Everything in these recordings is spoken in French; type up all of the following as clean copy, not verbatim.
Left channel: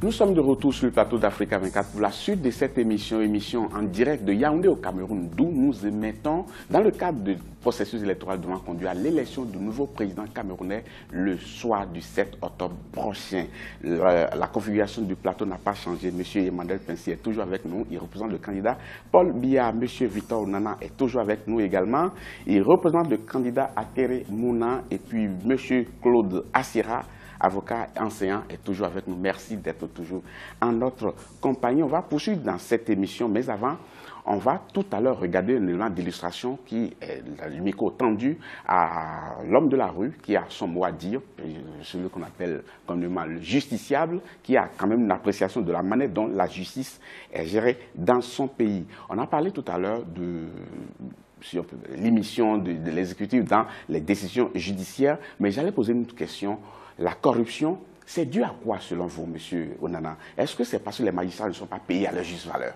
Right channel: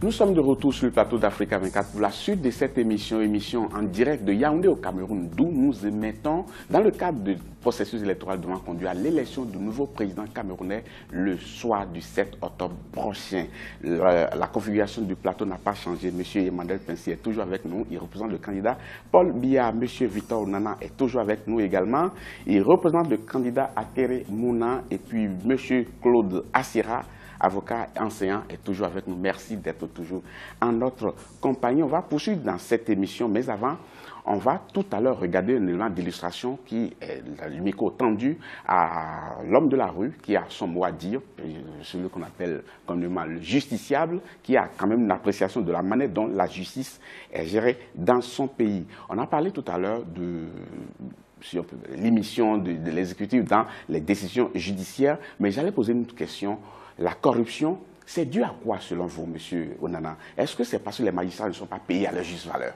Nous sommes de retour sur le plateau d'Africa 24 pour la suite de cette émission en direct de Yaoundé au Cameroun, d'où nous émettons dans le cadre du processus électoral devant conduire à l'élection du nouveau président camerounais le soir du 7 octobre prochain. La configuration du plateau n'a pas changé. M. Emmanuel Pincy est toujours avec nous. Il représente le candidat Paul Biya. M. Victor Nana est toujours avec nous également. Il représente le candidat Atere Mouna et puis M. Claude Assira, avocat enseignant, est toujours avec nous. Merci d'être toujours en notre compagnie. On va poursuivre dans cette émission, mais avant, on va tout à l'heure regarder un élément d'illustration qui est le micro tendu à l'homme de la rue, qui a son mot à dire, celui qu'on appelle communément le justiciable, qui a quand même une appréciation de la manière dont la justice est gérée dans son pays. On a parlé tout à l'heure de l'émission de l'exécutif dans les décisions judiciaires, mais j'allais poser une question. La corruption, c'est dû à quoi selon vous, M. Onana? Est-ce que c'est parce que les magistrats ne sont pas payés à leur juste valeur?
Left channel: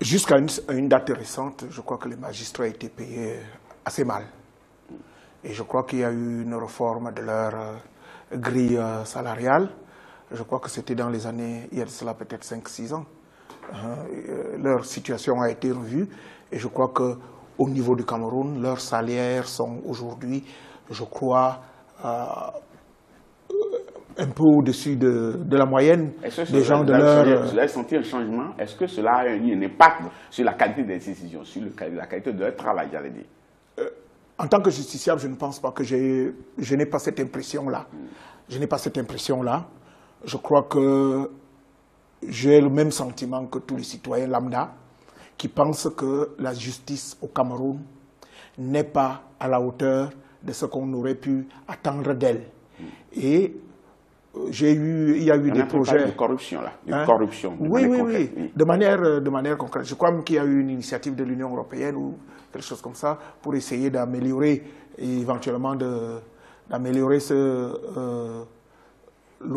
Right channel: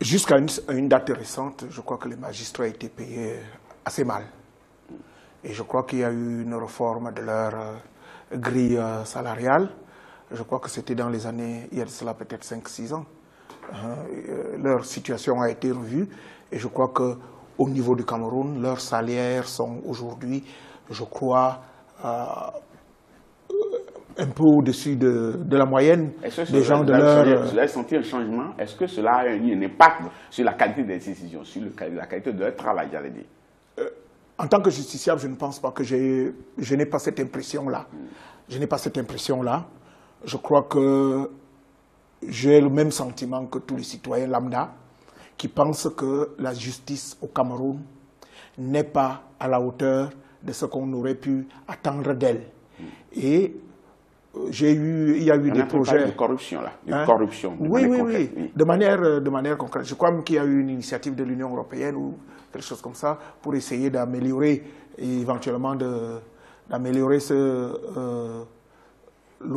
Jusqu'à une date récente, je crois que les magistrats étaient payés assez mal. Et je crois qu'il y a eu une réforme de leur grille salariale. Je crois que c'était dans les années, il y a de cela peut-être 5-6 ans. Leur situation a été revue. Et je crois qu'au niveau du Cameroun, leurs salaires sont aujourd'hui, je crois, un peu au-dessus de la moyenne des gens de leur... Vous avez senti un changement? Est-ce que cela a eu un impact sur la qualité des décisions, sur la qualité de leur travail, j'allais dire? En tant que justiciable, je ne pense pas que je n'ai pas cette impression-là. Je n'ai pas cette impression-là. Je crois que j'ai le même sentiment que tous les citoyens lambda qui pensent que la justice au Cameroun n'est pas à la hauteur de ce qu'on aurait pu attendre d'elle. Et il y a eu des projets de corruption là, de corruption. Oui, de manière concrète. Je crois même qu'il y a eu une initiative de l'Union européenne ou quelque chose comme ça pour essayer d'améliorer et éventuellement d'améliorer le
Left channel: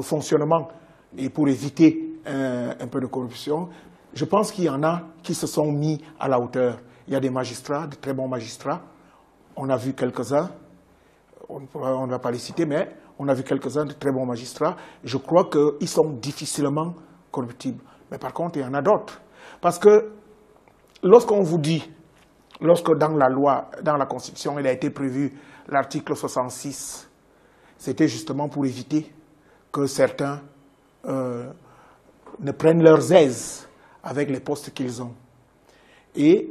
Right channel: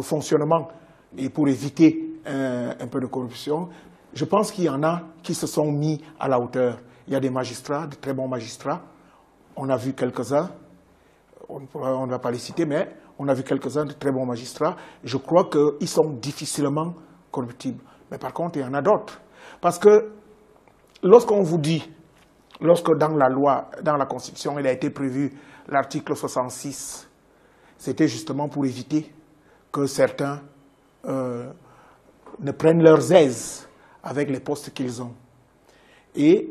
fonctionnement et pour éviter un peu de corruption. Je pense qu'il y en a qui se sont mis à la hauteur. Il y a des magistrats, de très bons magistrats. On a vu quelques-uns. On ne va pas les citer, mais on a vu quelques-uns de très bons magistrats. Je crois qu'ils sont difficilement corruptibles. Mais par contre, il y en a d'autres. Parce que lorsqu'on vous dit, lorsque dans la loi, dans la Constitution, il a été prévu l'article 66, c'était justement pour éviter que certains ne prennent leurs aises avec les postes qu'ils ont. Et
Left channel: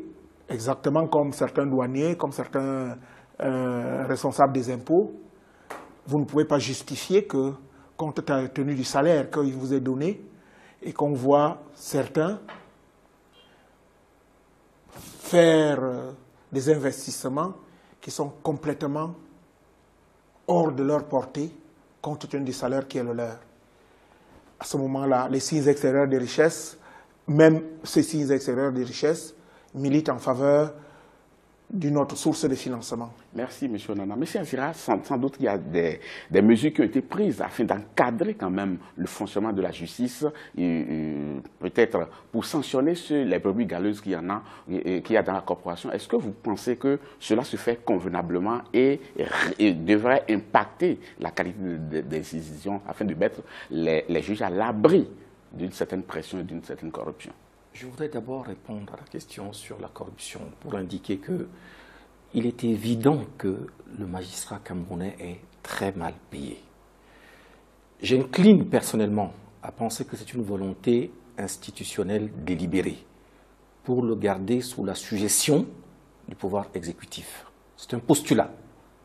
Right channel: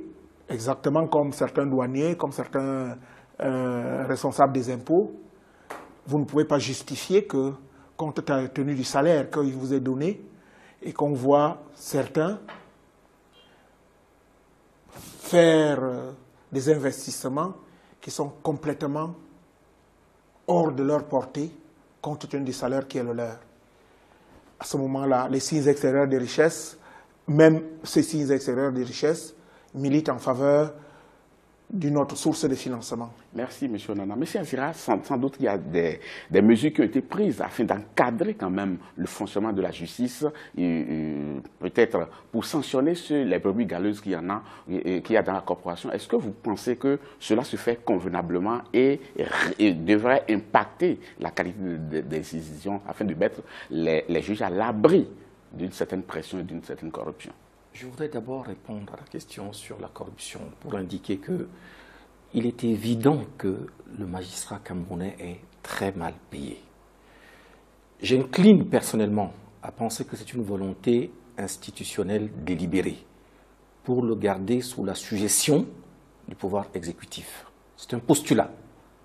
exactement comme certains douaniers, comme certains responsables des impôts, vous ne pouvez pas justifier que, compte tenu du salaire qu'il vous est donné, et qu'on voit certains faire des investissements qui sont complètement hors de leur portée, compte tenu du salaire qui est le leur. À ce moment-là, les signes extérieurs de richesse, même ces signes extérieurs de richesse, militent en faveur d'une autre source de financement. Merci, M. Nana. M. Assira, sans doute qu'il y a des mesures qui ont été prises afin d'encadrer quand même le fonctionnement de la justice, peut-être pour sanctionner les brebis galeuses qu'il y a dans la corporation. Est-ce que vous pensez que cela se fait convenablement et devrait impacter la qualité des décisions afin de mettre les juges à l'abri d'une certaine pression et d'une certaine corruption? Je voudrais d'abord répondre à la question sur la corruption pour indiquer qu'il est évident que le magistrat camerounais est très mal payé. J'incline personnellement à penser que c'est une volonté institutionnelle délibérée pour le garder sous la sujétion du pouvoir exécutif. C'est un postulat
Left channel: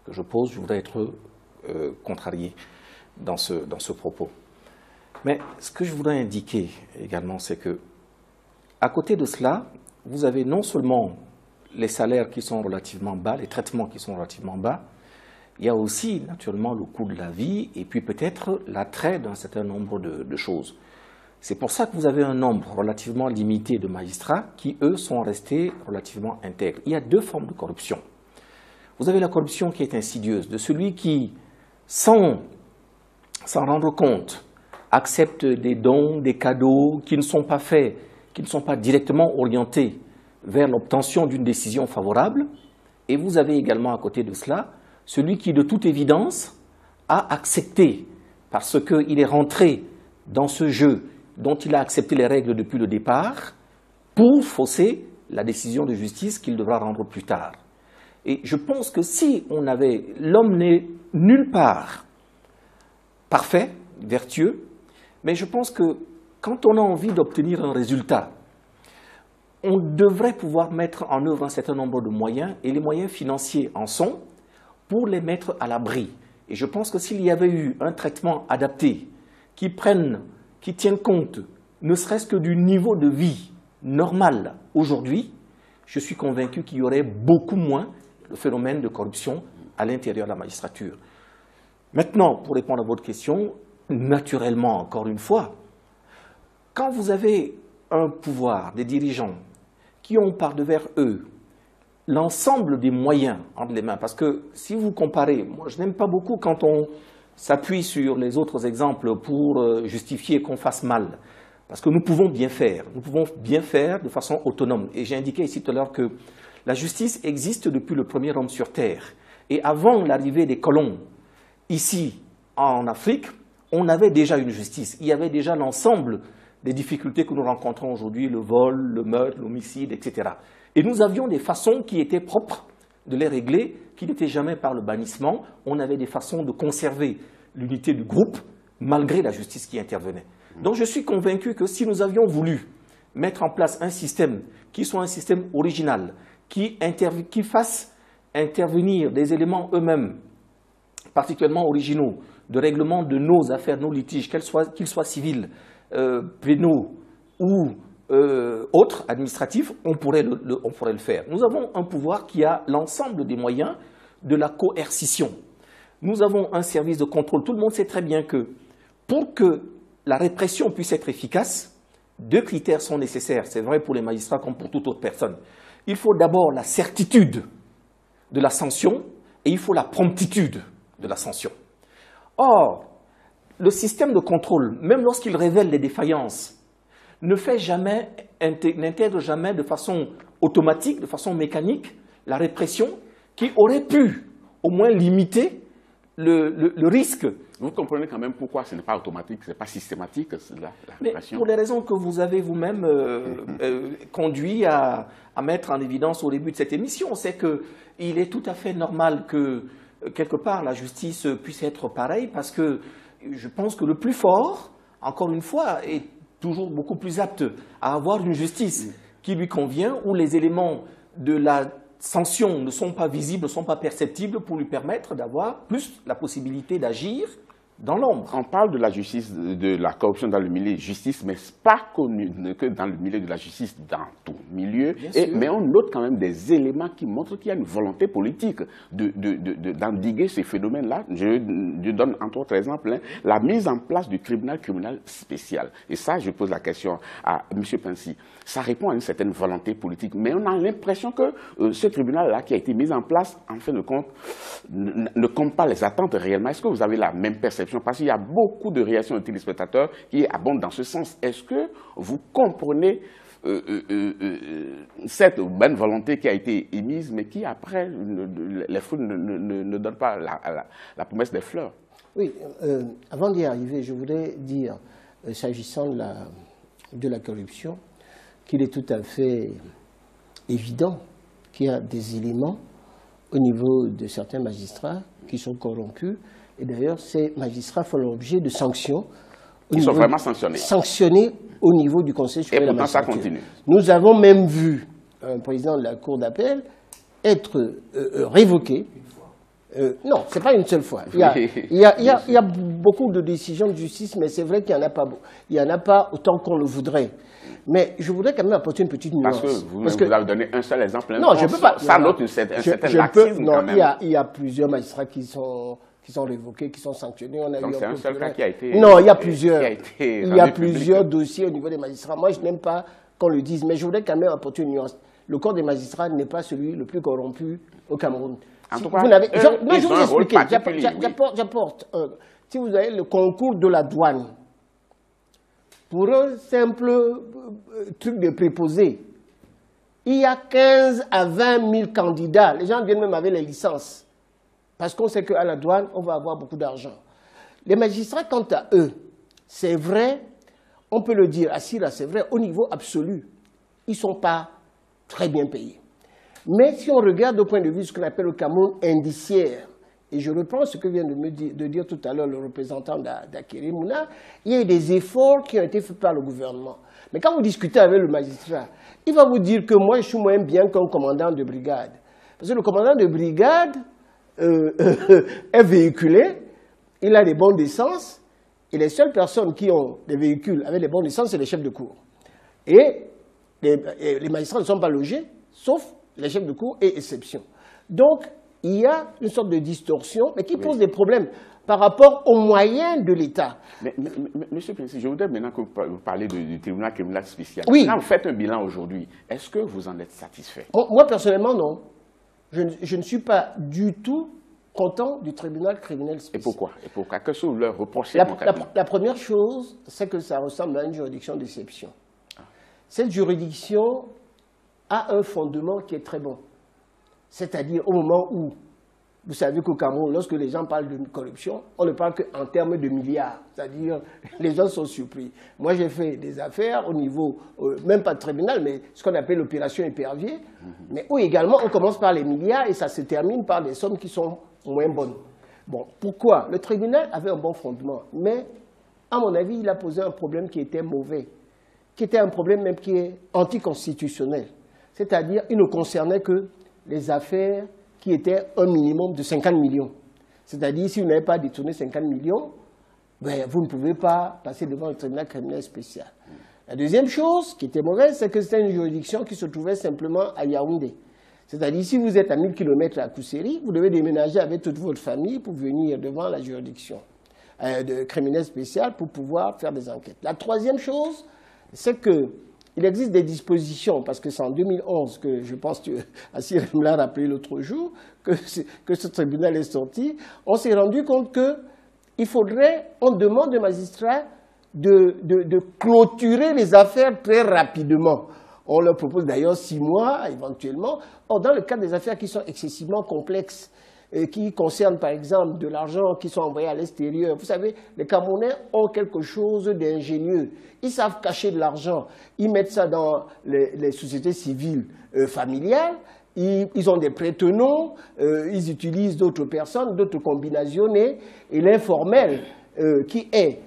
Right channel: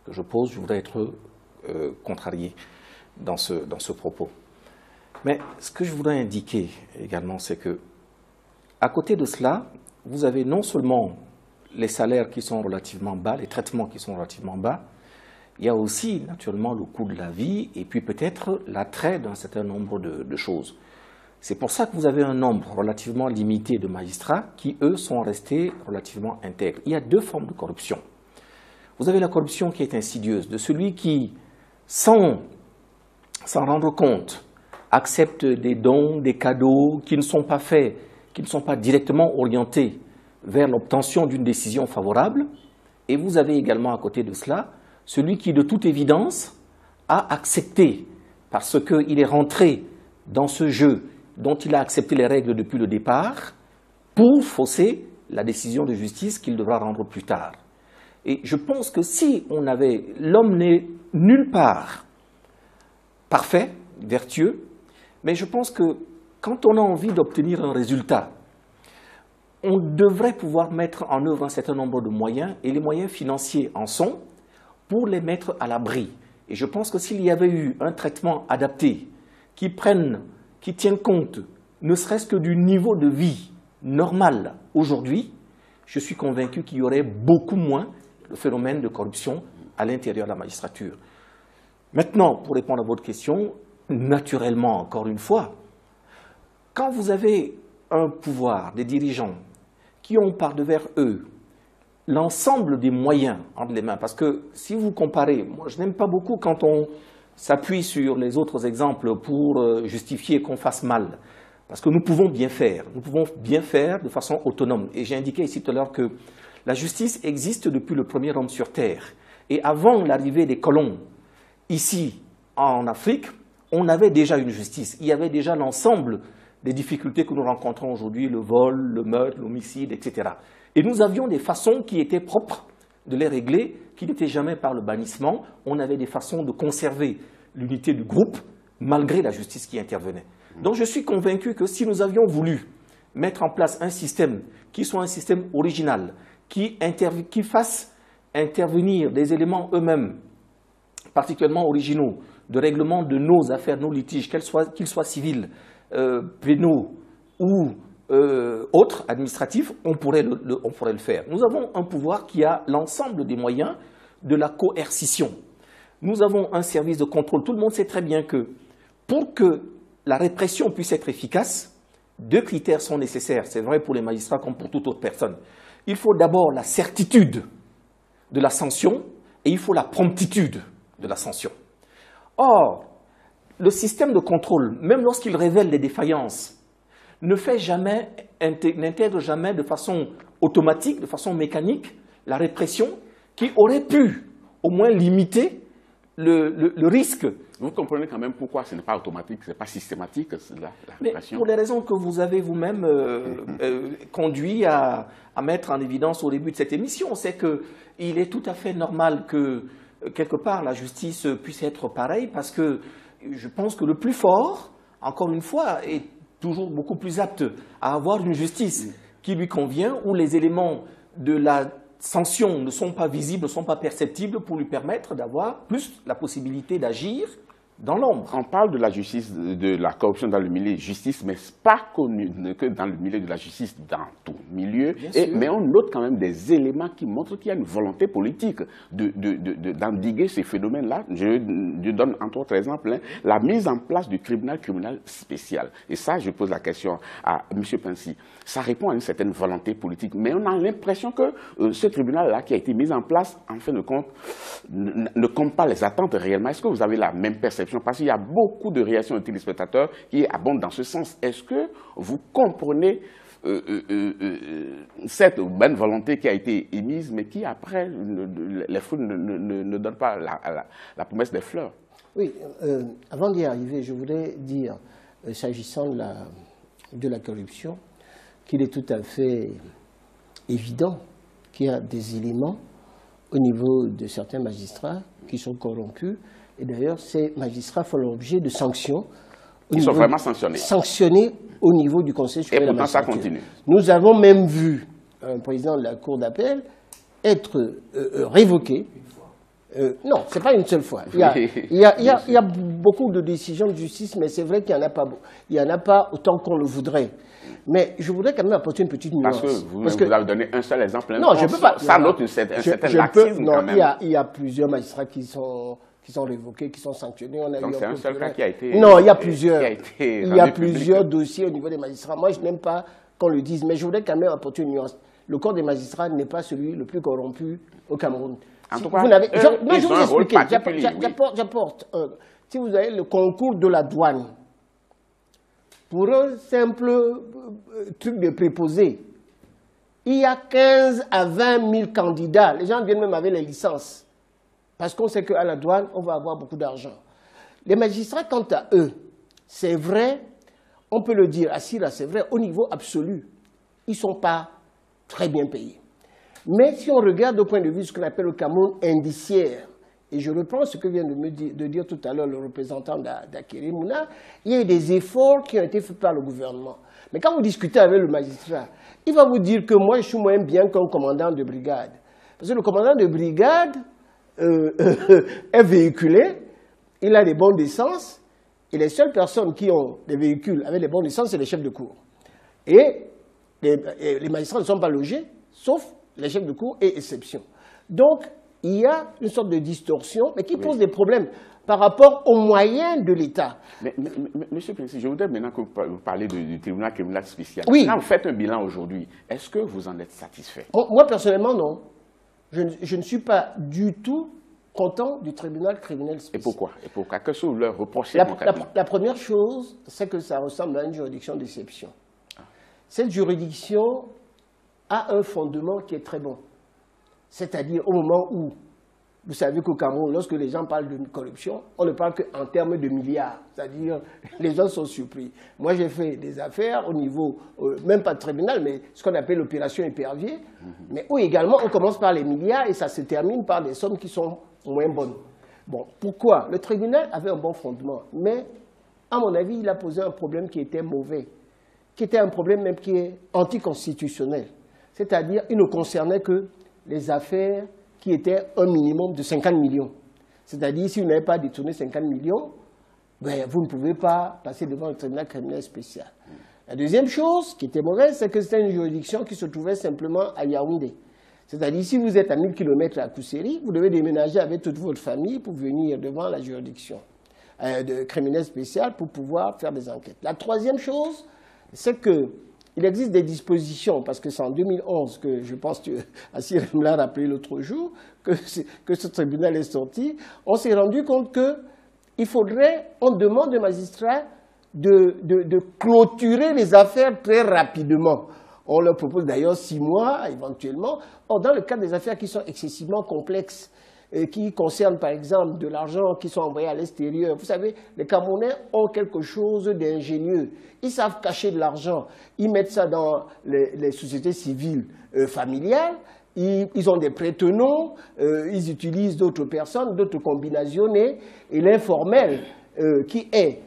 que je pose, je voudrais être contrarié dans ce propos. Mais ce que je voudrais indiquer également, c'est que à côté de cela, vous avez non seulement les salaires qui sont relativement bas, les traitements qui sont relativement bas, il y a aussi naturellement le coût de la vie et puis peut-être l'attrait d'un certain nombre de choses. C'est pour ça que vous avez un nombre relativement limité de magistrats qui, eux, sont restés relativement intègres. Il y a deux formes de corruption. Vous avez la corruption qui est insidieuse, de celui qui, sans s'en rendre compte, accepte des dons, des cadeaux qui ne sont pas faits, qui ne sont pas directement orientés vers l'obtention d'une décision favorable. Et vous avez également à côté de cela celui qui, de toute évidence, a accepté, parce qu'il est rentré dans ce jeu dont il a accepté les règles depuis le départ pour fausser la décision de justice qu'il devra rendre plus tard. Et je pense que si on avait... L'homme n'est nulle part parfait, vertueux, mais je pense que quand on a envie d'obtenir un résultat, on devrait pouvoir mettre en œuvre un certain nombre de moyens, et les moyens financiers en sont, pour les mettre à l'abri. Et je pense que s'il y avait eu un traitement adapté, qui tienne compte, ne serait-ce que du niveau de vie normal aujourd'hui, je suis convaincu qu'il y aurait beaucoup moins de phénomènes de corruption à l'intérieur de la magistrature. Maintenant, pour répondre à votre question, naturellement, encore une fois, quand vous avez un pouvoir, des dirigeants qui ont par devers eux l'ensemble des moyens entre les mains, parce que si vous comparez, moi je n'aime pas beaucoup quand on s'appuie sur les autres exemples pour justifier qu'on fasse mal, parce que nous pouvons bien faire de façon autonome. Et j'ai indiqué ici tout à l'heure que la justice existe depuis le premier homme sur Terre. Et avant l'arrivée des colons, ici en Afrique, on avait déjà une justice. Il y avait déjà l'ensemble des difficultés que nous rencontrons aujourd'hui, le vol, le meurtre, l'homicide, etc. Et nous avions des façons qui étaient propres de les régler, qui n'étaient jamais par le bannissement. On avait des façons de conserver l'unité du groupe, malgré la justice qui intervenait. Donc je suis convaincu que si nous avions voulu mettre en place un système qui soit un système original, qui fasse intervenir des éléments eux-mêmes, particulièrement originaux, de règlement de nos affaires, nos litiges, qu'ils soient civils, pénaux ou autres, administratifs, on pourrait le faire. Nous avons un pouvoir qui a l'ensemble des moyens de la coercition. Nous avons un service de contrôle. Tout le monde sait très bien que pour que la répression puisse être efficace, deux critères sont nécessaires. C'est vrai pour les magistrats comme pour toute autre personne. Il faut d'abord la certitude de la sanction et il faut la promptitude de la sanction. Or, le système de contrôle, même lorsqu'il révèle les défaillances, n'intègre jamais de façon automatique, de façon mécanique, la répression qui aurait pu au moins limiter le risque. Vous comprenez quand même pourquoi ce n'est pas automatique, ce n'est pas systématique, la répression. Pour les raisons que vous avez vous-même conduit à mettre en évidence au début de cette émission, c'est qu'il est tout à fait normal que, quelque part, la justice puisse être pareille, parce que je pense que le plus fort, encore une fois, est toujours beaucoup plus apte à avoir une justice qui lui convient, où les éléments de la sanction ne sont pas visibles, ne sont pas perceptibles, pour lui permettre d'avoir plus la possibilité d'agir dans l'ombre. On parle de la justice, de la corruption dans le milieu de justice, mais pas connu que dans le milieu de la justice, dans tout milieu. Mais on note quand même des éléments qui montrent qu'il y a une volonté politique d'endiguer ces phénomènes-là. Je donne entre autres exemples la mise en place du tribunal criminel spécial. Et ça, je pose la question à M. Pensy. Ça répond à une certaine volonté politique, mais on a l'impression que ce tribunal-là qui a été mis en place, en fin de compte, ne compte pas les attentes réellement. Est-ce que vous avez la même perception? Parce qu'il y a beaucoup de réactions de téléspectateurs qui abondent dans ce sens. Est-ce que vous comprenez cette bonne volonté qui a été émise, mais qui après, les fruits ne donnent pas la promesse des fleurs? Oui, avant d'y arriver, je voudrais dire, s'agissant de la corruption, qu'il est tout à fait évident qu'il y a des éléments au niveau de certains magistrats qui sont corrompus. Et d'ailleurs, ces magistrats font l'objet de sanctions. Ils sont vraiment sanctionnés. Sanctionnés au niveau du Conseil supérieur de la magistrature. Et pourtant, ça continue. Nous avons même vu un président de la Cour d'appel être révoqué. Non, ce n'est pas une seule fois. Il y a beaucoup de décisions de justice, mais c'est vrai qu'il n'y en a pas. Il n'y en a pas autant qu'on le voudrait. Mais je voudrais quand même apporter une petite nuance. Parce que vous avez donné un seul exemple. Non, je ne peux pas. Ça note un certain laxisme quand même. Il y a plusieurs magistrats qui sont révoqués, qui sont sanctionnés. Donc c'est un seul cas qui a été... Non, il y a plusieurs. Il y a plusieurs dossiers au niveau des magistrats. Moi, je n'aime pas qu'on le dise, mais je voudrais quand même apporter une nuance. Le corps des magistrats n'est pas celui le plus corrompu au Cameroun. En tout cas, je vais vous expliquer. J'apporte. Si vous avez le concours de la douane, pour un simple truc de préposé, il y a 15 à 20 000 candidats. Les gens viennent même avec les licences. Parce qu'on sait qu'à la douane, on va avoir beaucoup d'argent. Les magistrats, quant à eux, c'est vrai, on peut le dire, Assira, c'est vrai, au niveau absolu, ils ne sont pas très bien payés. Mais si on regarde au point de vue de ce qu'on appelle le Cameroun indiciaire, et je reprends ce que vient de dire tout à l'heure le représentant d'Akere Mouna, il y a eu des efforts qui ont été faits par le gouvernement. Mais quand vous discutez avec le magistrat, il va vous dire que moi, je suis moins bien qu'un commandant de brigade. Parce que le commandant de brigade est véhiculé, il a des bons d'essence, et les seules personnes qui ont des véhicules avec des bons d'essence, c'est les chefs de cour. Et les magistrats ne sont pas logés, sauf les chefs de cour et exception. Donc, il y a une sorte de distorsion, mais qui pose des problèmes par rapport aux moyens de l'État. Monsieur Pinssi, je voudrais maintenant que vous parlez du tribunal criminel spécial. Oui. Quand vous faites un bilan aujourd'hui, est-ce que vous en êtes satisfait? Moi, personnellement, non. Je ne suis pas du tout content du tribunal criminel spécial. Et pourquoi? Qu'est-ce que vous leur reprochez? La première chose, c'est que ça ressemble à une juridiction d'exception. Cette juridiction a un fondement qui est très bon. C'est-à-dire au moment où, vous savez qu'au Cameroun, lorsque les gens parlent de corruption, on ne parle qu'en termes de milliards. C'est-à-dire, les gens sont surpris. Moi, j'ai fait des affaires au niveau, même pas de tribunal, mais ce qu'on appelle l'opération épervier, mais où également on commence par les milliards et ça se termine par des sommes qui sont moins bonnes. Bon, pourquoi? Le tribunal avait un bon fondement, mais à mon avis, il a posé un problème qui était mauvais, qui était un problème même qui est anticonstitutionnel. C'est-à-dire, il ne concernait que les affaires qui étaient un minimum de 50 millions. C'est-à-dire, si vous n'avez pas détourné 50 millions, ben, vous ne pouvez pas passer devant le tribunal criminel spécial. La deuxième chose qui était mauvaise, c'est que c'était une juridiction qui se trouvait simplement à Yaoundé. C'est-à-dire, si vous êtes à 1000 km à Kousséri, vous devez déménager avec toute votre famille pour venir devant la juridiction de criminel spécial pour pouvoir faire des enquêtes. La troisième chose, c'est qu'il existe des dispositions, parce que c'est en 2011 que je pense que Assira me l'a rappelé l'autre jour, que ce tribunal est sorti, on s'est rendu compte qu'il faudrait, on demande aux magistrats de clôturer les affaires très rapidement. On leur propose d'ailleurs 6 mois, éventuellement. Or, dans le cas des affaires qui sont excessivement complexes, et qui concernent par exemple de l'argent qui sont envoyés à l'extérieur. Vous savez, les Camerounais ont quelque chose d'ingénieux. Ils savent cacher de l'argent. Ils mettent ça dans les sociétés civiles familiales. Ils ont des prête-noms. Ils utilisent d'autres personnes, d'autres combinationnés. Et l'informel, qui est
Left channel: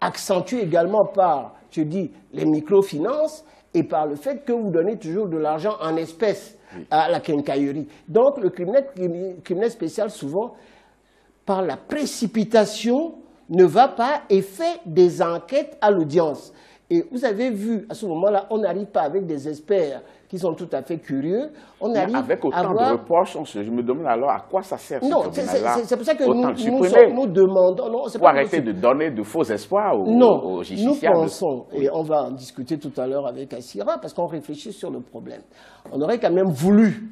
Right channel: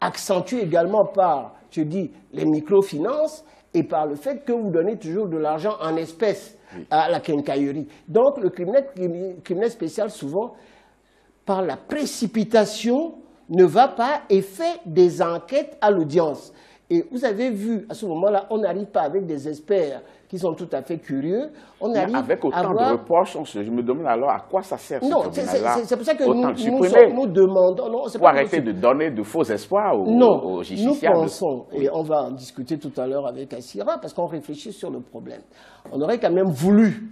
accentué également par, je dis, les microfinances et par le fait que vous donnez toujours de l'argent en espèces à la quincaillerie. Donc, le criminel spécial, souvent, par la précipitation, ne va pas et fait des enquêtes à l'audience. Et vous avez vu, à ce moment-là, on n'arrive pas avec des experts qui sont tout à fait curieux. On arrive avec autant de reproches, je me demande alors à quoi ça sert ce tribunal-là. C'est pour ça que nous demandons... Non, pour arrêter de donner de faux espoirs aux justiciables. Nous pensons, et on va en discuter tout à l'heure avec Assira, parce qu'on réfléchit sur le problème. On aurait quand même voulu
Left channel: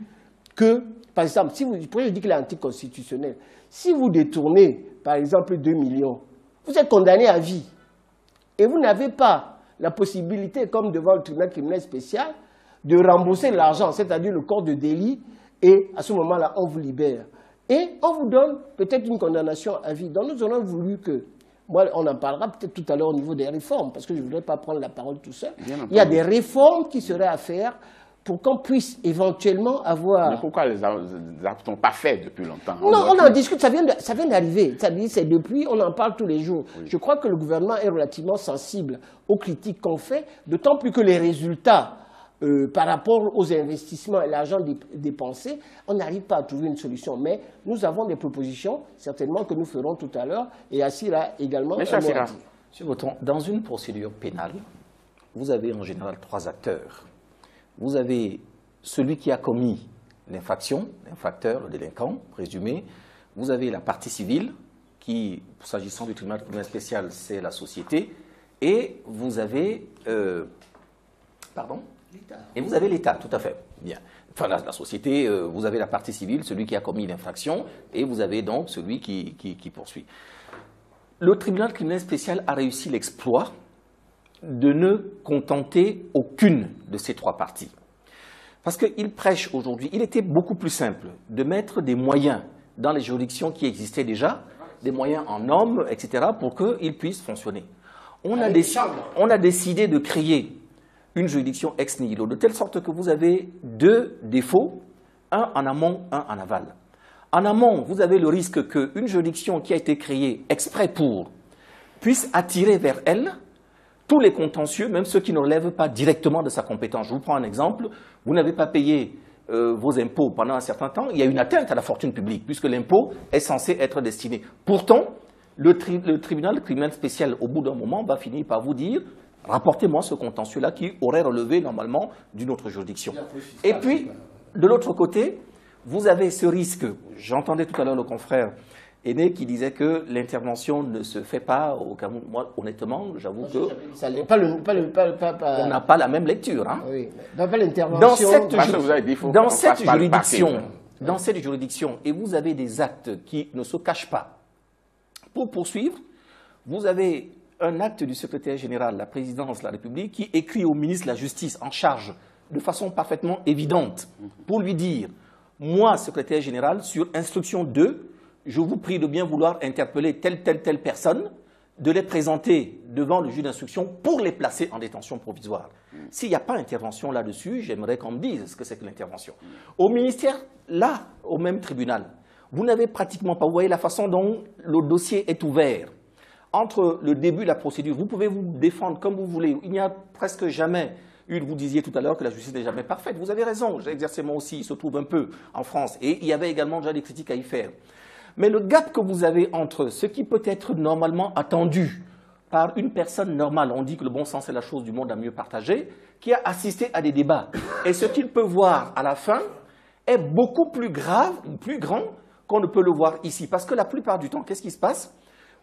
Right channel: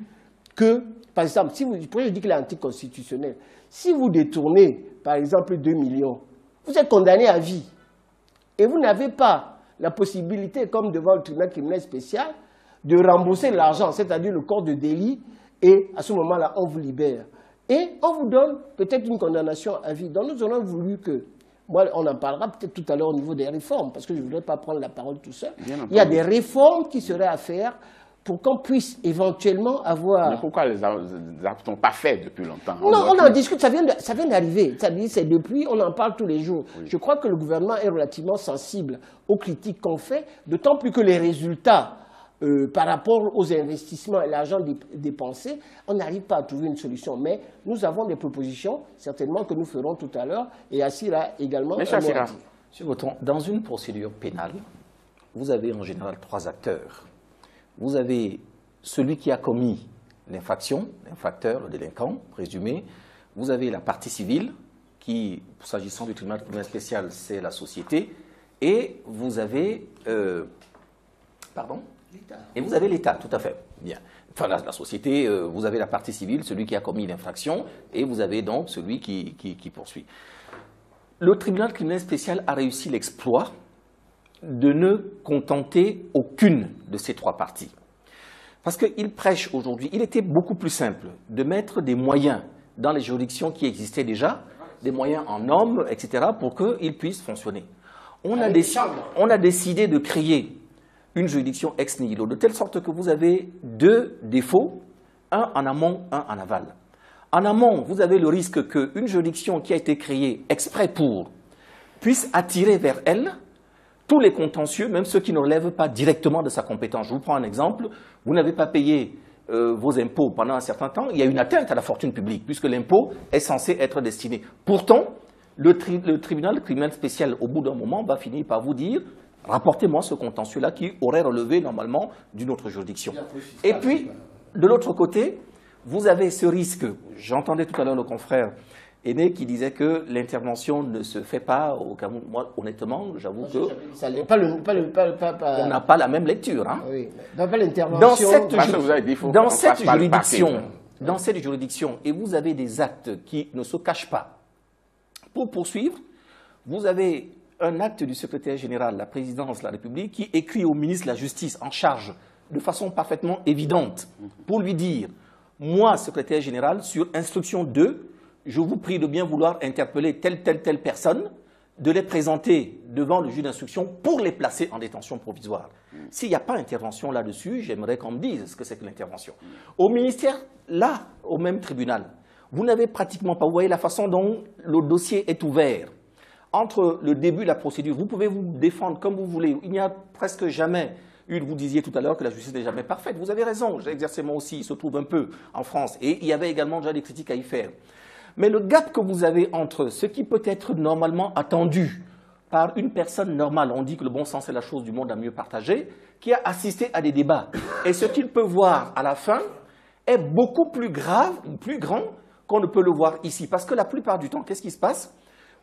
que, par exemple, si vous pourriez dire qu'il est anticonstitutionnel, si vous détournez, par exemple, 2 millions, vous êtes condamné à vie. Et vous n'avez pas la possibilité, comme devant le tribunal criminel spécial, de rembourser l'argent, c'est-à-dire le corps de délit, et à ce moment-là, on vous libère. Et on vous donne peut-être une condamnation à vie. Donc nous aurions voulu que, moi, on en parlera peut-être tout à l'heure au niveau des réformes, parce que je ne voudrais pas prendre la parole tout seul. Il y a des réformes qui seraient à faire pour qu'on puisse éventuellement avoir... Mais pourquoi les actes n'ont pas fait depuis longtemps? Non, on en discute, ça vient d'arriver. C'est depuis, on en parle tous les jours. Oui. Je crois que le gouvernement est relativement sensible aux critiques qu'on fait, d'autant plus que les résultats... par rapport aux investissements et l'argent dépensé, on n'arrive pas à trouver une solution. Mais nous avons des propositions, certainement, que nous ferons tout à l'heure. Et Assira également. Monsieur Boton, dans une procédure pénale, vous avez en général 3 acteurs. Vous avez celui qui a commis l'infraction, l'infracteur, le délinquant présumé. Vous avez la partie civile, qui, s'agissant du tribunal criminel spécial, c'est la société. Et vous avez... Et vous avez l'État, tout à fait. Bien. Enfin, la société, vous avez la partie civile, celui qui a commis l'infraction, et vous avez donc celui qui poursuit. Le tribunal criminel spécial a réussi l'exploit de ne contenter aucune de ces 3 parties. Parce qu'il prêche aujourd'hui, il était beaucoup plus simple de mettre des moyens dans les juridictions qui existaient déjà, des moyens en hommes, etc., pour qu'ils puissent fonctionner. on a décidé de créer une juridiction ex nihilo, de telle sorte que vous avez deux défauts, un en amont, un en aval. En amont, vous avez le risque qu'une juridiction qui a été créée exprès pour puisse attirer vers elle tous les contentieux, même ceux qui ne relèvent pas directement de sa compétence. Je vous prends un exemple. Vous n'avez pas payé vos impôts pendant un certain temps. Il y a une atteinte à la fortune publique, puisque l'impôt est censé être destiné. Pourtant, le tribunal criminel spécial, au bout d'un moment, va finir par vous dire « rapportez-moi ce contentieux-là qui aurait relevé normalement d'une autre juridiction ». Et puis, de l'autre côté, vous avez ce risque. J'entendais tout à l'heure le confrère Aîné qui disait que l'intervention ne se fait pas au Cameroun. Moi, honnêtement, j'avoue que on n'a pas la même lecture. Hein. Oui, pas l'intervention. Dans cette juridiction, et vous avez des actes qui ne se cachent pas. Pour poursuivre, vous avez un acte du secrétaire général de la présidence de la République qui écrit au ministre de la Justice en charge de façon parfaitement évidente pour lui dire « Moi, secrétaire général, sur instruction 2, je vous prie de bien vouloir interpeller telle personne, de les présenter devant le juge d'instruction pour les placer en détention provisoire. » S'il n'y a pas intervention là-dessus, j'aimerais qu'on me dise ce que c'est que l'intervention. Au ministère, là, au même tribunal, vous n'avez pratiquement pas, vous voyez la façon dont le dossier est ouvert. Entre le début de la procédure, vous pouvez vous défendre comme vous voulez. Il n'y a presque jamais vous disiez tout à l'heure que la justice n'est jamais parfaite. Vous avez raison, j'ai exercé moi aussi, il se trouve un peu en France. Et il y avait également déjà des critiques à y faire. Mais le gap que vous avez entre ce qui peut être normalement attendu par une personne normale, on dit que le bon sens est la chose du monde à mieux partager, qui a assisté à des débats, et ce qu'il peut voir à la fin est beaucoup plus grave, plus grand qu'on ne peut le voir ici. Parce que la plupart du temps, qu'est-ce qui se passe?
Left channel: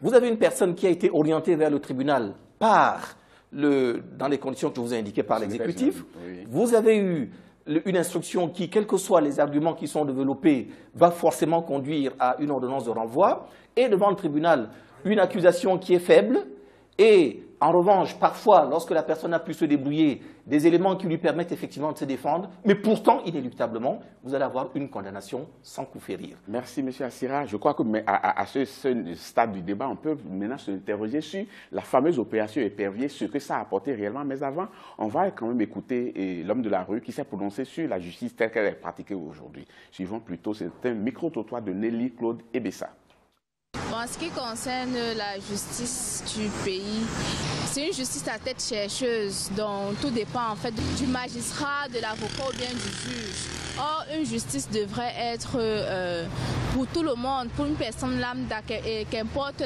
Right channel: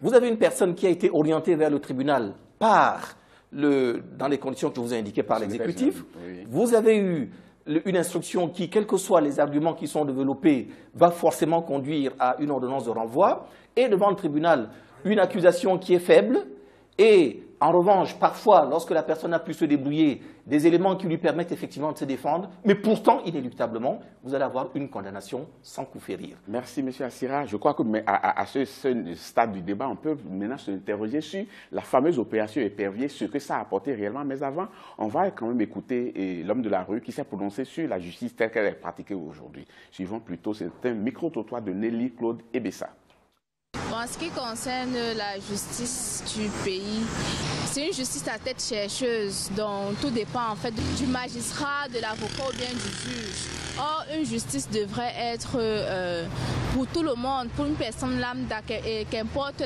Vous avez une personne qui a été orientée vers le tribunal dans les conditions que je vous ai indiquées par l'exécutif. Oui. Vous avez eu une instruction qui, quels que soient les arguments qui sont développés, va forcément conduire à une ordonnance de renvoi. Et devant le tribunal, une accusation qui est faible. Et en revanche, parfois, lorsque la personne a pu se débrouiller, des éléments qui lui permettent effectivement de se défendre, mais pourtant, inéluctablement, vous allez avoir une condamnation sans coup férir. Merci, M. Assira. Je crois que à ce stade du débat, on peut maintenant s'interroger sur la fameuse opération Épervier, ce que ça a apporté réellement. Mais avant, on va quand même écouter l'homme de la rue qui s'est prononcé sur la justice telle qu'elle est pratiquée aujourd'hui. Suivons plutôt, c'est un micro-trottoir de Nelly Claude Ebessa. En ce qui concerne la justice du pays, c'est une justice à tête chercheuse dont tout dépend en fait du magistrat, de l'avocat ou bien du juge. Or, une justice devrait être pour tout le monde, pour une personne lambda, qu'importe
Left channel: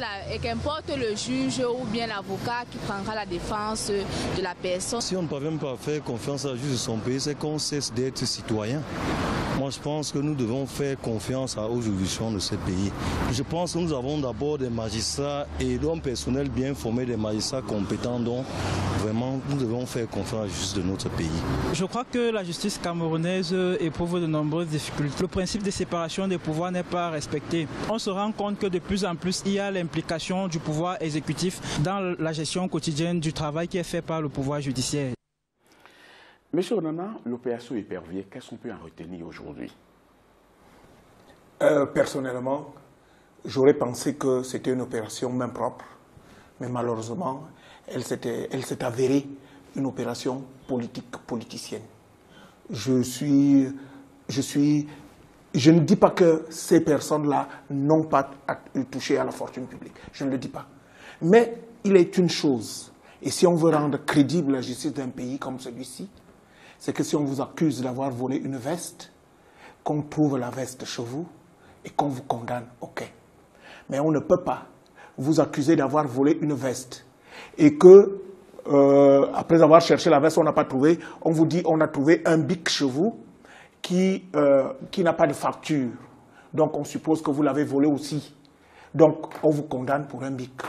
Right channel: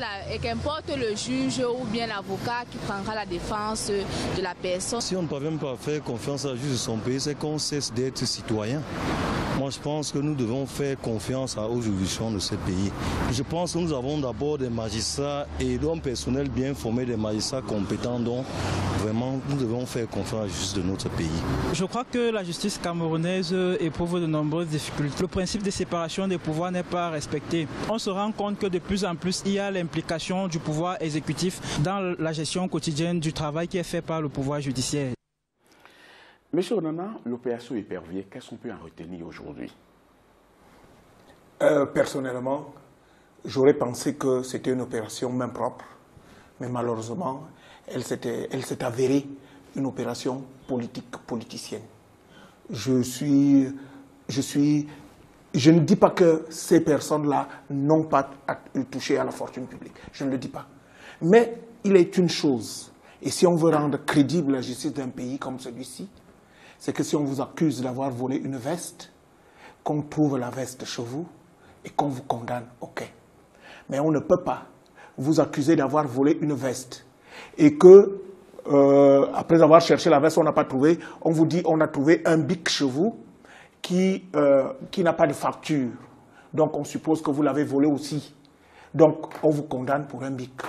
le juge ou bien l'avocat qui prendra la défense de la personne. Si on ne parvient pas à faire confiance à la justice de son pays, c'est qu'on cesse d'être citoyen. Moi, je pense que nous devons faire confiance aux juridictions de ce pays. Je pense que nous avons d'abord des magistrats et un personnel bien formé, des magistrats compétents, dont vraiment nous devons faire confiance à la justice de notre pays. Je crois que la justice camerounaise éprouve de nombreuses difficultés. Le principe de séparation des pouvoirs n'est pas respecté. On se rend compte que de plus en plus, il y a l'implication du pouvoir exécutif dans la gestion quotidienne du travail qui est fait par le pouvoir judiciaire. Monsieur Onana, l'opération Épervier, qu'est-ce qu'on peut en retenir aujourd'hui? Personnellement, j'aurais pensé que c'était une opération main propre, mais malheureusement, elle s'est avérée une opération politicienne. Je ne dis pas que ces personnes-là n'ont pas touché à la fortune publique. Je ne le dis pas. Mais il est une chose, et si on veut rendre crédible la justice d'un pays comme celui-ci, c'est que si on vous accuse d'avoir volé une veste, qu'on trouve la veste chez vous et qu'on vous condamne, ok. Mais on ne peut pas vous accuser d'avoir volé une veste et que, après avoir cherché la veste, on n'a pas trouvé, on vous dit on a trouvé un bic chez vous qui n'a pas de facture. Donc on suppose que vous l'avez volé aussi. Donc on vous condamne pour un bic.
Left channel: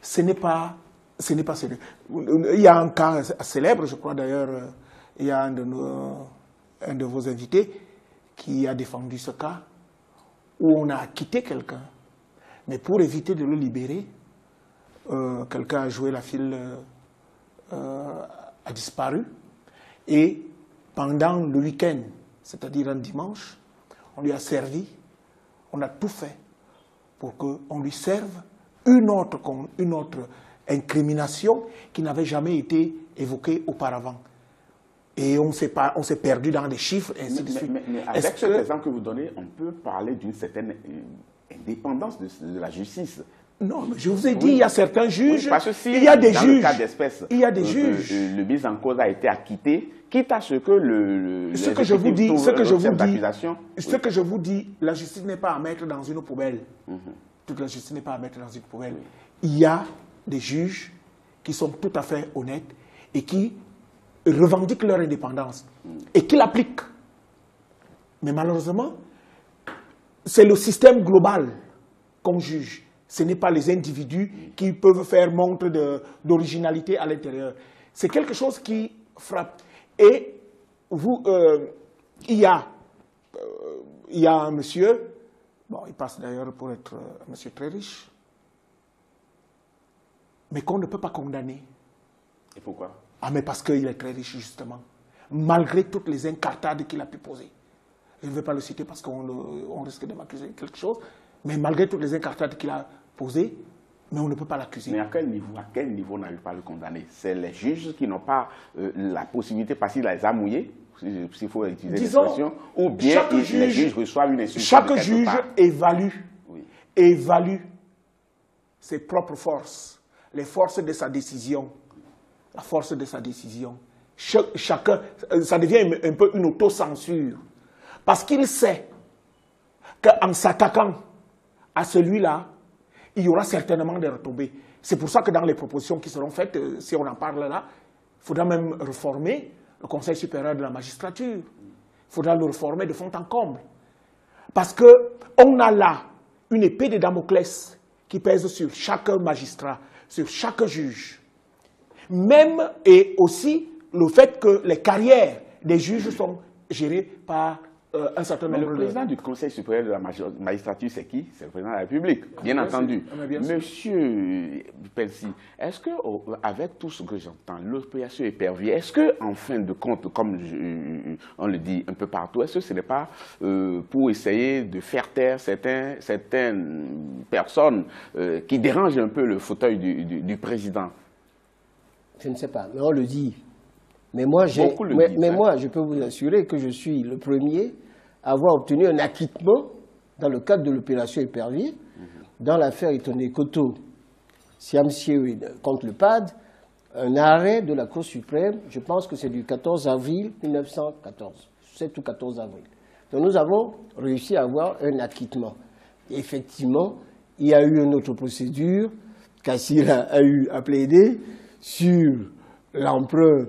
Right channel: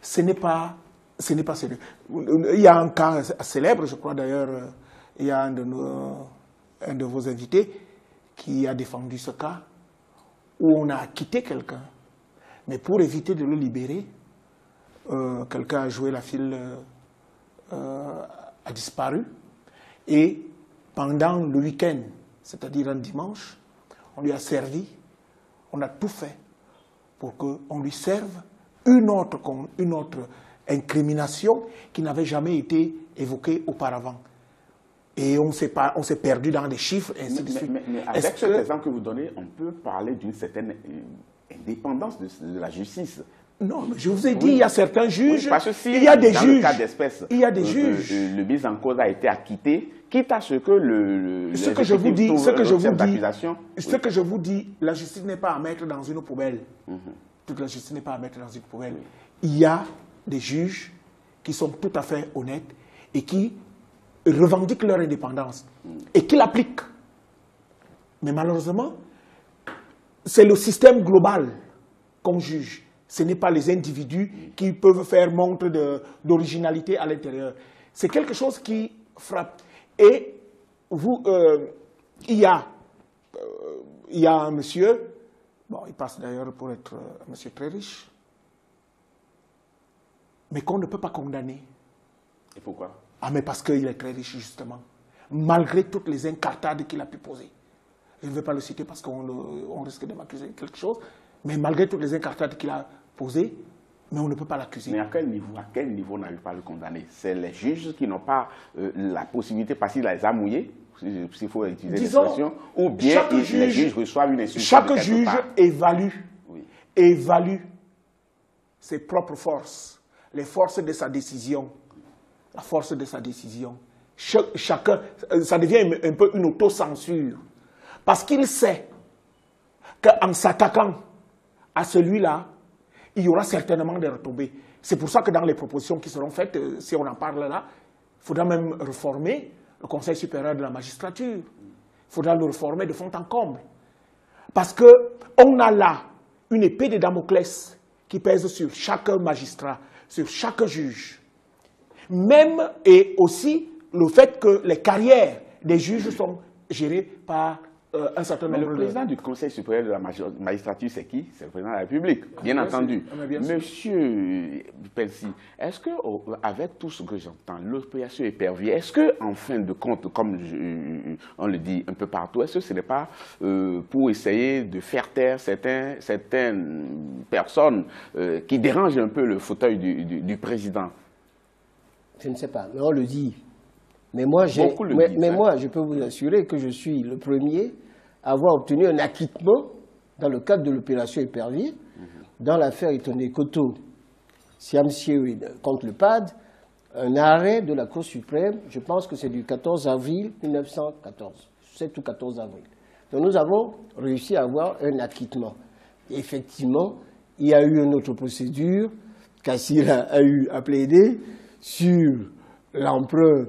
Ce n'est pas sérieux. Il y a un cas célèbre, je crois d'ailleurs, il y a un de vos invités qui a défendu ce cas où on a acquitté quelqu'un. Mais pour éviter de le libérer, quelqu'un a joué la file, a disparu. Et pendant le week-end, c'est-à-dire un dimanche, on lui a servi, on a tout fait pour qu'on lui serve une autre incriminations qui n'avaient jamais été évoquées auparavant. Et on s'est perdu dans des chiffres, et ainsi de suite. Mais avec cet exemple que vous donnez, on peut parler d'une certaine indépendance de la justice. Non, je vous ai dit, il y a certains juges, parce que si il y a des dans juges, le cas d'espèce, il y a des juges. Le mis en cause a été acquitté, quitte à ce que ce que je vous dis, la justice n'est pas à mettre dans une poubelle. Toute la justice n'est pas à mettre dans une poubelle. Il y a des juges qui sont tout à fait honnêtes et qui revendiquent leur indépendance et qui l'appliquent. Mais malheureusement, c'est le système global qu'on juge. Ce n'est pas les individus qui peuvent faire montre d'originalité à l'intérieur. C'est quelque chose qui frappe. Et vous, il y a un monsieur, bon, il passe d'ailleurs pour être un monsieur très riche, mais qu'on ne peut pas condamner. Et pourquoi? Ah, mais parce qu'il est très riche, justement. Malgré toutes les incartades qu'il a pu poser. Je ne vais pas le citer parce qu'on risque de m'accuser de quelque chose, mais malgré toutes les incartades qu'il a posées, mais on ne peut pas l'accuser. Mais à quel niveau on n'arrive pas à le condamner? C'est les juges qui n'ont pas la possibilité, parce qu'il les a mouillés, s'il faut utiliser l'expression, ou bien les juges reçoivent une instruction. Chaque juge évalue ses propres forces, les forces de sa décision, la force de sa décision. Chacun, ça devient un peu une autocensure, parce qu'il sait qu'en s'attaquant à celui-là, il y aura certainement des retombées. C'est pour ça que dans les propositions qui seront faites, si on en parle là, il faudra même réformer le Conseil supérieur de la magistrature. Il faudra le réformer de fond en comble. Parce qu'on a là une épée de Damoclès qui pèse sur chaque magistrat, sur chaque juge. Même et aussi le fait que les carrières des juges sont gérées par un certain nombre de... Le président du Conseil supérieur de la magistrature, c'est qui? C'est le président de la République, bien entendu. Monsieur Pelsi, est-ce qu'avec tout ce que j'entends, l'opération Épervier, est-ce qu'en fin de compte, comme on le dit un peu partout, est-ce que ce n'est pas pour essayer de faire taire certaines personnes qui dérangent un peu le fauteuil du président? Je ne sais pas, mais on le dit. Mais moi, je peux vous assurer que je suis le premier à avoir obtenu un acquittement dans le cadre de l'opération Épervier, dans l'affaire Itoné Koto, Siamsié contre le PAD, un arrêt de la Cour suprême, je pense que c'est du 14 avril 1914, 7 ou 14 avril. Donc nous avons réussi à avoir un acquittement. Et effectivement, il y a eu une autre procédure, Kassir a eu à plaider sur l'emprunt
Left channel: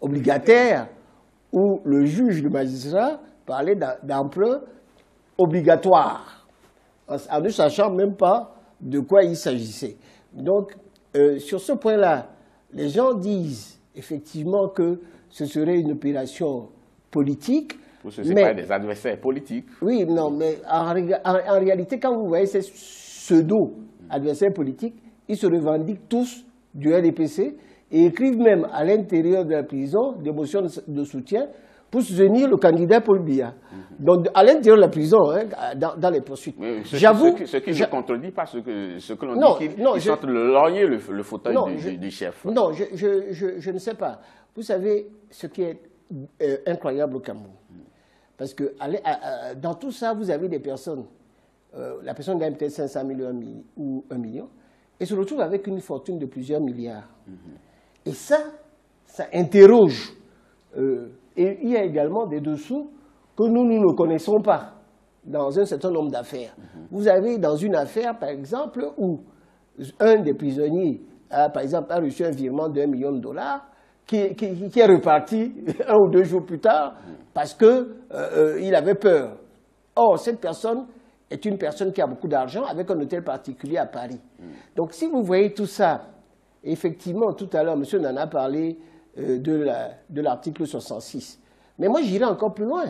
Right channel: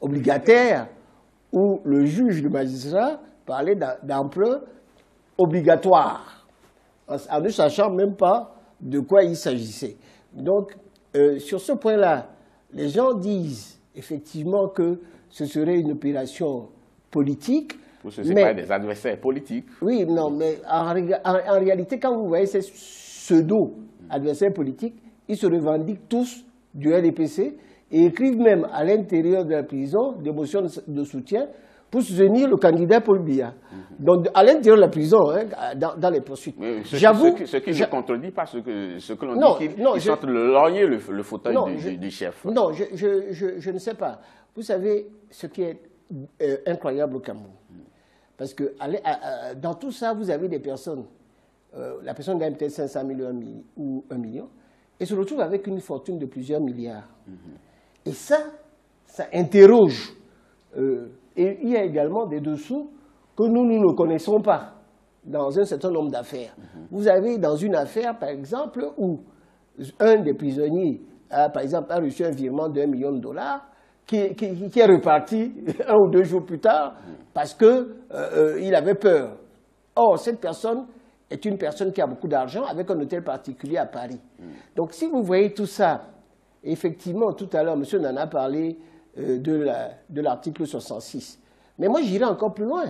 obligataire, où le juge, le magistrat, parlait d'emprunt obligatoire, en ne sachant même pas de quoi il s'agissait. Donc, sur ce point-là, les gens disent effectivement que ce serait une opération politique. Ce n'est pas des adversaires politiques. Oui, non, mais en réalité, quand vous voyez ces pseudo-adversaires politiques, ils se revendiquent tous du RDPC et écrivent même à l'intérieur de la prison des motions de soutien pour soutenir le candidat Paul Biya. Donc, à l'intérieur de la prison, hein, dans les poursuites. J'avoue... Ce qui ne contredit pas ce que l'on dit, qu'ils sortent le fauteuil du chef. Non, je ne sais pas. Vous savez ce qui est incroyable au Cameroun. Parce que dans tout ça, vous avez des personnes, la personne gagne peut-être 500 000 ou 1 million, et se retrouve avec une fortune de plusieurs milliards. Et ça interroge. Et il y a également des dessous que nous ne connaissons pas dans un certain nombre d'affaires. Vous avez dans une affaire, par exemple, où un des prisonniers a reçu un virement d'1 million de dollars qui est reparti 1 ou 2 jours plus tard parce qu'il avait peur. Or, cette personne est une personne qui a beaucoup d'argent avec un hôtel particulier à Paris. Donc, si vous voyez tout ça, effectivement, tout à l'heure, monsieur Nana a parlé de l'article 66. Mais moi, j'irai encore plus loin.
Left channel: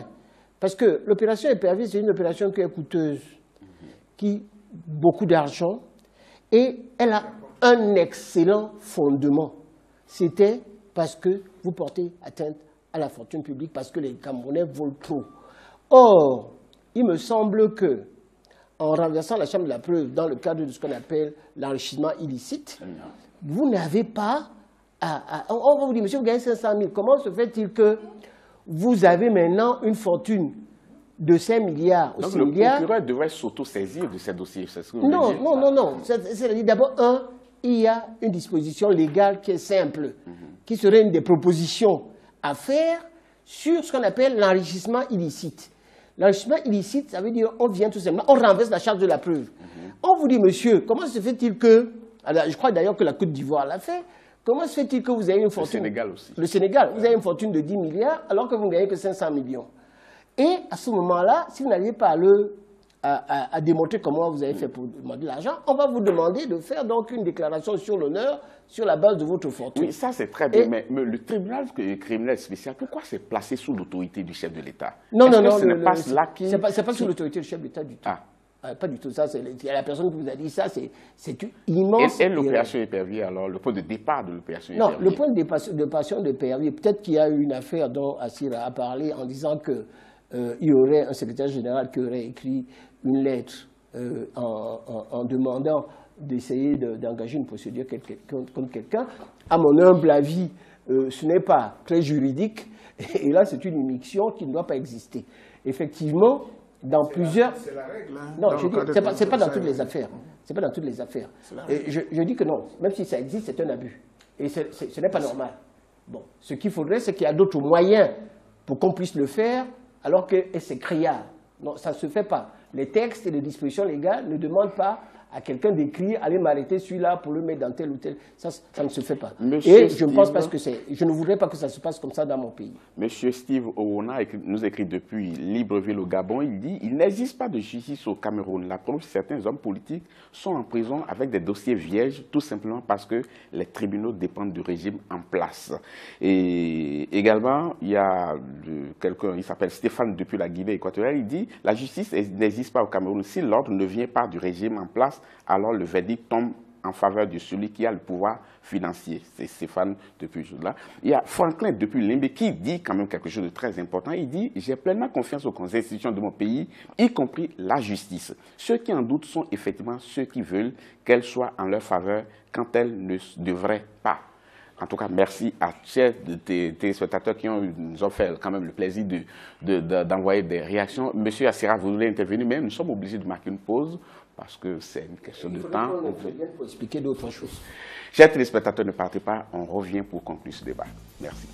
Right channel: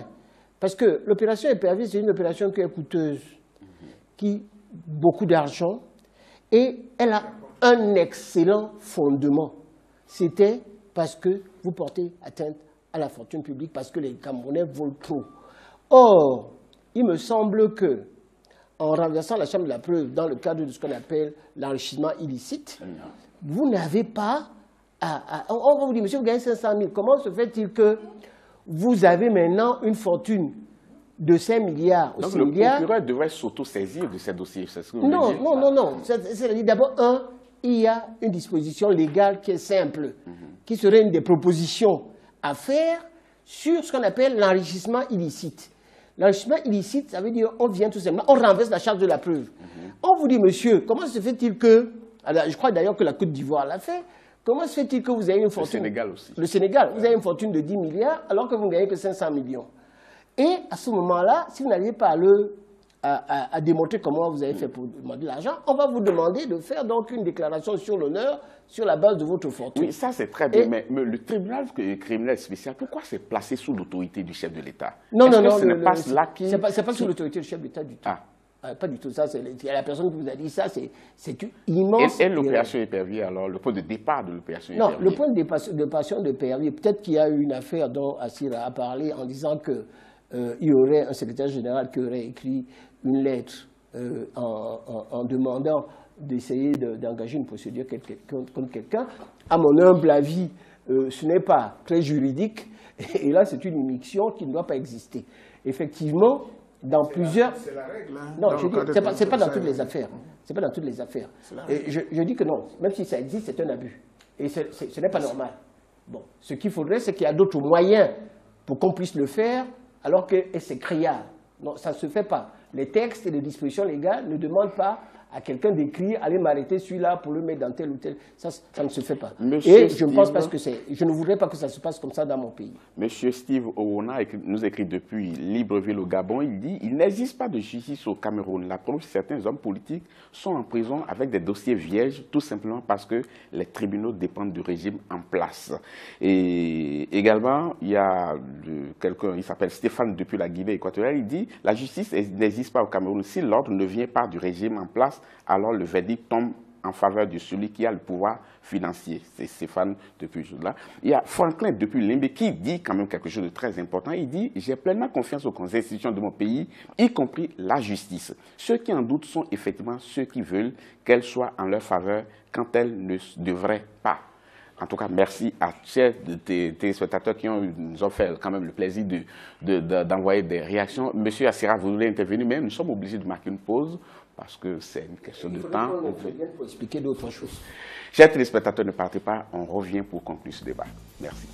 Parce que l'opération Épervier, c'est une opération qui est coûteuse, qui beaucoup d'argent, et elle a un excellent fondement. C'était parce que vous portez atteinte à la fortune publique, parce que les Camerounais volent trop. Or, il me semble que, en renversant la chambre de la preuve dans le cadre de ce qu'on appelle l'enrichissement illicite, vous n'avez pas on va vous dire, monsieur, vous gagnez 500 000. Comment se fait-il que vous avez maintenant une fortune de 5 milliards ou 6 milliards? Le procureur devrait s'auto-saisir de ces dossiers. Non. C'est-à-dire, d'abord, il y a une disposition légale qui est simple, qui serait une des propositions à faire sur ce qu'on appelle l'enrichissement illicite. L'enrichissement illicite, ça veut dire on vient tout simplement, on renverse la charge de la preuve. On vous dit, monsieur, comment se fait-il que, alors, je crois d'ailleurs que la Côte d'Ivoire l'a fait, comment se fait-il que vous avez une fortune... Le Sénégal aussi. Le Sénégal, vous avez une fortune de 10 milliards alors que vous ne gagnez que 500 millions. Et à ce moment-là, si vous n'arrivez pas à démontrer comment vous avez fait pour demander l'argent, on va vous demander de faire donc une déclaration sur l'honneur sur la base de votre fortune. Oui, ça c'est très bien, mais le tribunal criminel spécial, pourquoi c'est placé sous l'autorité du chef de l'État? Non, c'est pas sous l'autorité du chef de l'État du tout. Pas du tout, ça, c'est la personne qui vous a dit ça, c'est une immense... Et l'opération Épervier, alors, le point de départ de l'opération Épervier? Non, le point de départ de Épervier, peut-être qu'il y a eu une affaire dont Assira a parlé en disant que il y aurait un secrétaire général qui aurait écrit une lettre en demandant d'essayer d'engager une procédure contre quelqu'un. À mon humble avis, ce n'est pas très juridique, et là, c'est une immixtion qui ne doit pas exister. Effectivement, dans plusieurs... C'est la règle. Hein, non, je dis, c'est pas dans toutes les affaires. C'est pas dans toutes les affaires. Et je dis que non, même si ça existe, c'est un abus. Et ce n'est pas normal. Bon, ce qu'il faudrait, c'est qu'il y a d'autres moyens pour qu'on puisse le faire, alors que c'est criard. Non, ça ne se fait pas. Les textes et les dispositions légales ne demandent pas à quelqu'un d'écrire, allez m'arrêter celui-là pour le mettre dans tel ou tel. Ça ne se fait pas. Et je ne pense pas que je ne voudrais pas que ça se passe comme ça dans mon pays. Monsieur Steve Owona nous écrit depuis Libreville au Gabon, il dit il n'existe pas de justice au Cameroun. La preuve, certains hommes politiques sont en prison avec des dossiers vierges, tout simplement parce que les tribunaux dépendent du régime en place. Et également, il y a quelqu'un, il s'appelle Stéphane depuis la Guinée équatoriale, il dit la justice n'existe pas au Cameroun. Si l'ordre ne vient pas du régime en place, alors le verdict tombe en faveur de celui qui a le pouvoir financier. C'est Stéphane depuis là. Il y a Franklin depuis Limbé qui dit quand même quelque chose de très important. Il dit « J'ai pleinement confiance aux institutions de mon pays, y compris la justice. Ceux qui en doutent sont effectivement ceux qui veulent qu'elle soit en leur faveur quand elle ne devrait pas. » En tout cas, merci à chers téléspectateurs qui nous ont fait quand même le plaisir d'envoyer des réactions. Monsieur Assira, vous voulez intervenir, mais nous sommes obligés de marquer une pause parce que c'est une question de temps. Il faut expliquer d'autres choses. Chers téléspectateurs, ne partez pas, on revient pour conclure ce débat. Merci.